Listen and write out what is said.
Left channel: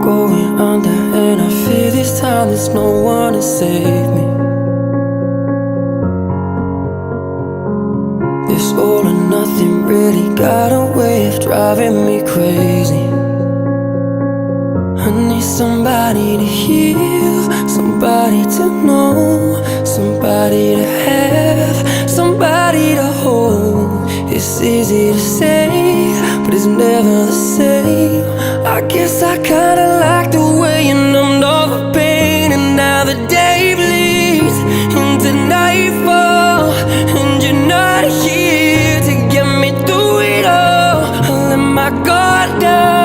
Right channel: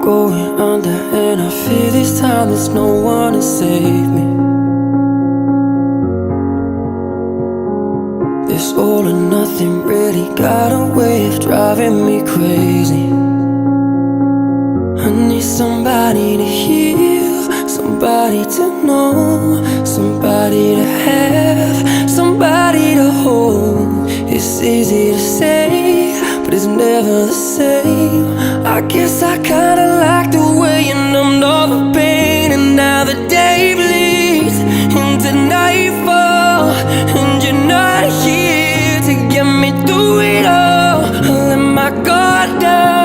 going under, and I fear this time there's no one to save me. This all or nothing really got a way of driving me crazy. I need somebody to heal, somebody to know, somebody to have, somebody to hold. It's easy to say, but it's never the same. I guess I kinda like the way you numbed all the pain. And now the day bleeds into nightfall, and you're not here to get me through it all. I let my guard down,